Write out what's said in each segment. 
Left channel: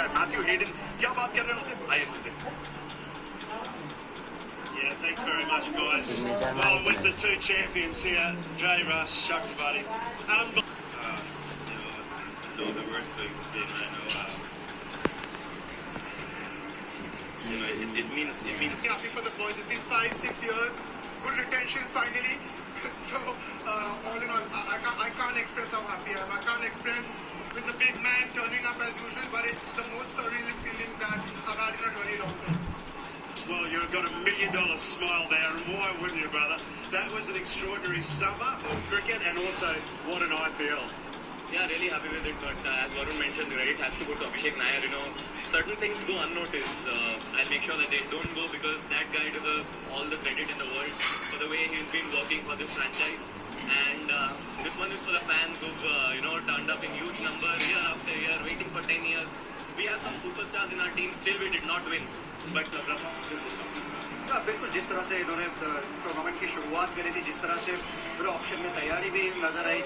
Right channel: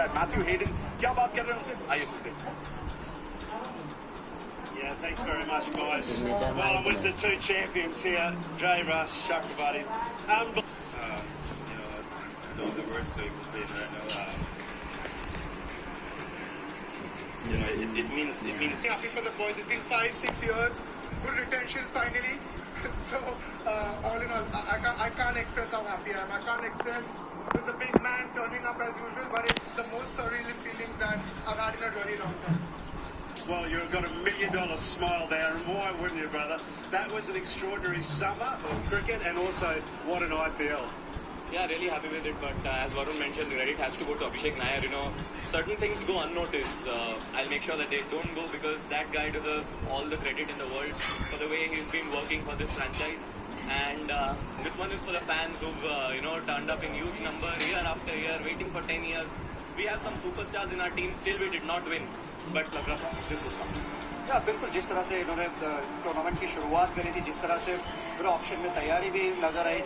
किया है। Matthew Hayden क्या बात कर रहे हैं उनसे, आइए सुनते हैं। Yeah, thanks very much, guys. Well, with the two champions here, Jay Russ, Chakrabarti, I know the worst things have been right now. It means happy for the boys. It's been 5-6 years, good retentions finally. So all in all, I can't express how happy I am. I can't express with the big man turning up as usual, but it's the most surreal feeling that I've had in a really long time. well, you've got $1 million smile there, and why wouldn't you, brother? That was an extraordinary summer of cricket, and also what an IPL. Yeah, really happy with it. But as Varun mentioned, the credit has to go to Abhishek Nair. You know, certain things go unnoticed. I'll make sure that they don't go, because that guy deserves all the credit in the world for the way he's been working for this franchise. And this one is for the fans who've turned up in huge number year after year, waiting for 10 years. We have some superstars in our team. Still, we did not win. But this was fun. बिल्कुल जिस तरह से इन्होंने tournament की शुरुआत करी थी, जिस तरह से पूरे ऑप्शन में तैयारी भी नजर आई,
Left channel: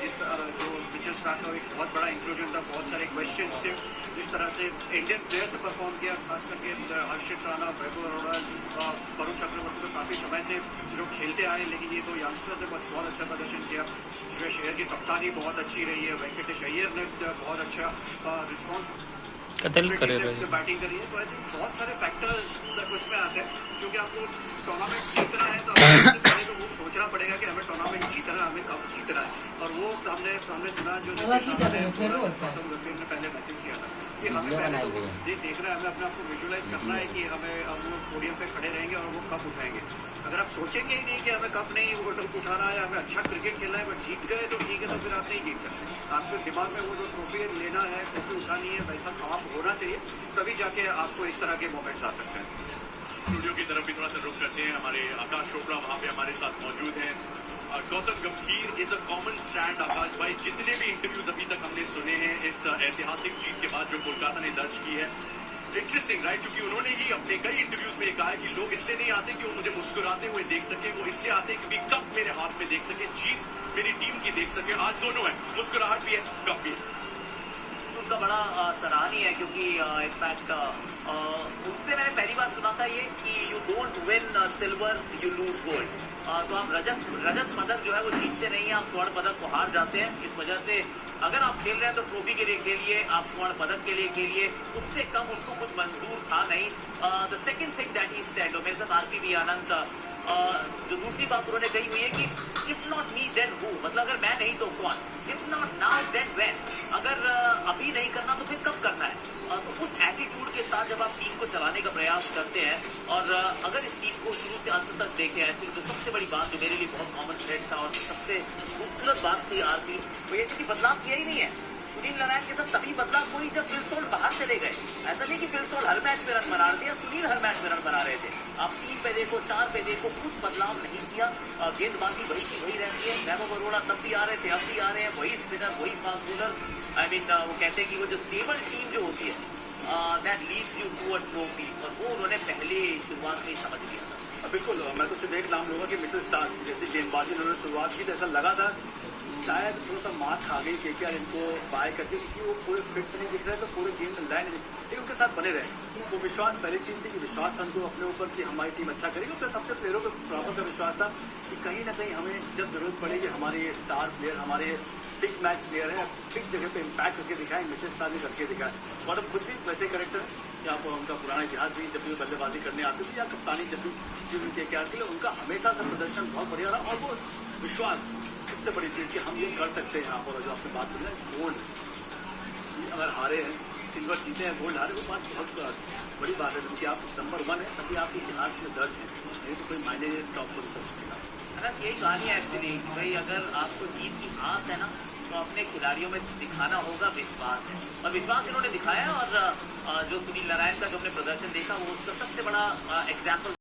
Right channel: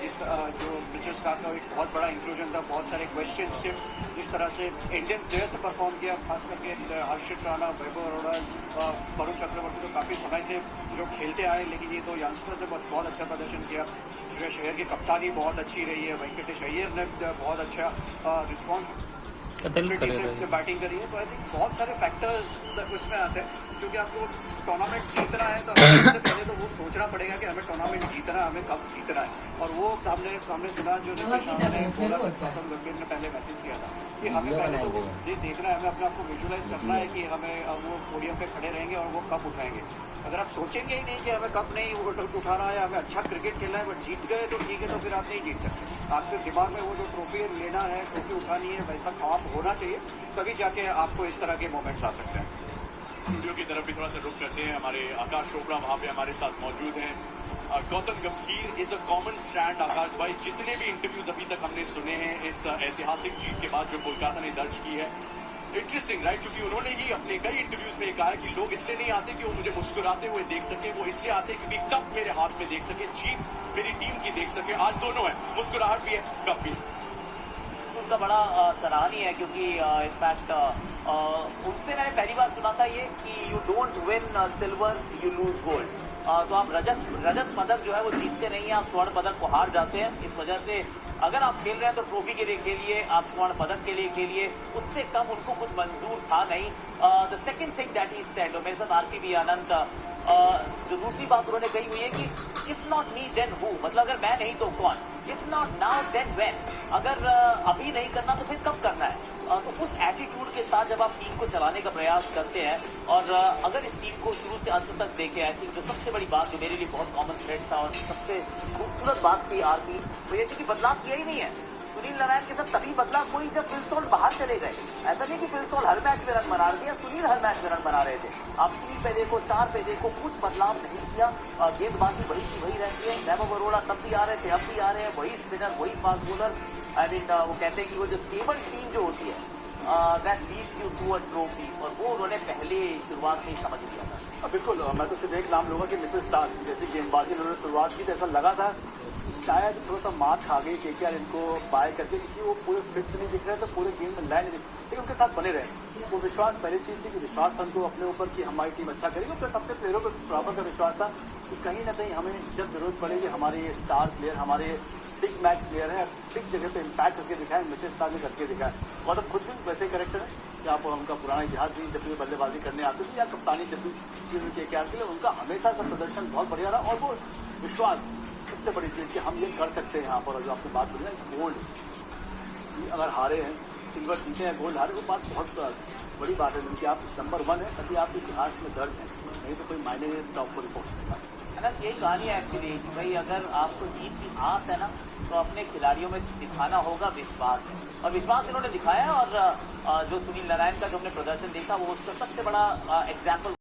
जो मिचेल स्टार्क का एक बहुत बड़ा इंक्लूजन था, बहुत सारे क्वेश्चन थे, जिस तरह से इंडियन प्लेयर्स ने परफॉर्म किया, खास करके हर्षित राणा, वैभव अरोड़ा, वरुण चक्रवर्ती तो काफी समय से जो खेलते आए, लेकिन ये तो यंगस्टर्स ने बहुत अच्छा प्रदर्शन किया। श्रेयस अय्यर की कप्तानी बहुत अच्छी रही है, वेंकटेश अय्यर ने बहुत अच्छा रिस्पॉन्स बैटिंग करी है। तो आई थिंक बहुत सारे फैक्टर्स उसमें आते हैं, क्योंकि आपको टूर्नामेंट जीतना है तो सबसे पहले तो वो सोचना पड़ेगा कि हमें टूर्नामेंट जीतना है, हमें कब जीतना है। और वो हमने सुना, जो नीतीश राणा ने गौतम गंभीर ने पहले मैसेज किया था कि हमें पहले तो वो देखना है, हमें अपने आप को विजुअलाइज करना है कि हमें वो पोडियम पे खड़े रहेंगे और वो कप उठाएंगे। अगर आप सोचेंगे ही नहीं कि हमें कप नहीं उठाना है, हमें अच्छा क्रिकेट खेलना है, बट जीत गए तो ठीक है, तो फिर आप नहीं जीत सकते। आपके दिमाग में वो जो ट्रॉफी लेना है, ट्रॉफी उठानी है, वैसा काम होना चाहिए, तभी जाके आपको इस तरह के मोमेंट्स आ सकते हैं। स्टूडियो की तरफ भी थोड़ा सा रुख करते हैं। हमारे आकाश चोपड़ा वहाँ पे हमारे साथ मौजूद हैं। गौतम गंभीर इज अ कॉमन स्टैंड। आकाश भाई, जितने भी इंटरव्यूज अभी तक हमने सुने हैं इस ऐतिहासिक जीत के बाद जो कोलकाता ने दर्ज की है, इंटरेस्टिंग राइट, क्योंकि उन्होंने ही अपने कई इंटरव्यूज में कहा है कि लोग इसलिए नहीं आते कि वो मुझे मुस्कुराते हुए देख सके, वो इसलिए आते हैं क्योंकि कप मेरे हाथ में देख सके, जीत मेरी टीम की देख सके। आज दोनों है, मुस्कुराहट भी है, कप भी है। उनका बड़ा सराहनीय है, क्योंकि इनफैक्ट उनसे मैंने पहली बार सुना था ये कि you don't win silver you lose gold. तो आप रजत पदक जो है वो जीतते नहीं हैं, आप स्वर्ण पदक को हार जाते हैं। इस वजह से अगर आप खेल रहे हैं तो ट्रॉफी के लिए खेलिए, आप स्वर्ण पदक के लिए खेलिए, उससे कम उनको कुछ मंजूर था नहीं। The second thing that he said, और मेरे साथ आरपीवी आनंद, जो दूसरी बात उन्होंने कही हुई है कि if not me then who, मतलब अगर मैं नहीं तो कौन, if not now then when, अगर अभी नहीं करना तो फिर कब करना है। तो उस एटीट्यूड के साथ जब आप टीम को चलाने का प्रयास करते हैं, और अगर इस टीम को शुरू से अंत तक देखें, आई थिंक जो सबसे बड़ी बात जो मेरे लिए बहुत कॉमन थ्रेड था और सबसे खूबसूरत बात थी आरपी, वो ये थी कि बदलाव किया ही नहीं है। सुनील नारायण के साथ तभी बदलाव कोई जब फिल सॉल्ट बाहर चले गए। ऐसा नहीं कि फिल सॉल्ट हर मैच में रन बना दिया, सुनील हर मैच में रन बना रहे थे। आप 3 पे देखो, 4 पे देखो, कुछ बदलाव नहीं किया। गेंदबाजी वही की वही रहती है। वैभव अरोड़ा तब भी आ रहे थे, अब भी आ रहे हैं, वही स्पिनर, वही फास्ट बॉलर। आई मीन वो कहते हैं कि वो जो स्टेबल टीम जो होती है that leads you to a trophy, और वो उन्होंने पहले शुरुआत में ही समझ लिया था। बिल्कुल, मैं तो सिर्फ एक नाम लूंगा कि मिचेल स्टार्क जैसी गेंदबाजी उन्होंने शुरुआत की तो ऐसा लगा था शायद थोड़ा सा मात खा गई केकेआर इनको बाय करके, क्योंकि वो पूरे फिट नहीं दिख रहे थे, पूरे गेम में लाइन नहीं, लेकिन उनके साथ बने रहे। वो विश्वास पहली चीज थी कि विश्वास था उनको अपने ऊपर कि हमारी टीम अच्छा करेगी, प्लस अपने प्लेयरों पर प्रॉपर का विश्वास था कि कहीं ना कहीं हमें जब जरूरत पड़ेगी हमारे स्टार प्लेयर, हमारे बिग मैच प्लेयर है, बिग जगह पे इम्पैक्ट करके दिखाए। मिचेल स्टार्क ने करके दिखाया। गौतम खुद भी वैसे करेक्टर है कि आप उनका पुराना इतिहास भी, जब भी बल्लेबाजी करने आते थे या कप्तानी जब भी उनके केकेआर के लिए, उनका हमेशा से प्रदर्शन बहुत बढ़िया रहा। और वो विश्वास सबसे बड़ी चीज कि हम ये कर सकते हैं यहाँ पर। जो आपसे बात करें गोल्ड, अगर हारे हैं, सिल्वर जीते हैं, गोल्ड हारे, वो बात बहुत बड़ी बात है, क्योंकि आप नंबर 1 है, तभी आपके इतिहास में दर्ज है, नहीं तो कोई मायने टॉप पर पहुंचेगा। यही कहानी है एक्चुअली कि भाई अगर आपको जीत की आस है ना, तो अपने खिलाड़ियों में दिखाना होगा विश्वास है, और विश्वास इन्होंने दिखाया। और जो सुनील नारायण का जो हमने प्रदर्शन देखा, वो उसका सबसे बड़ा एग्जाम्पल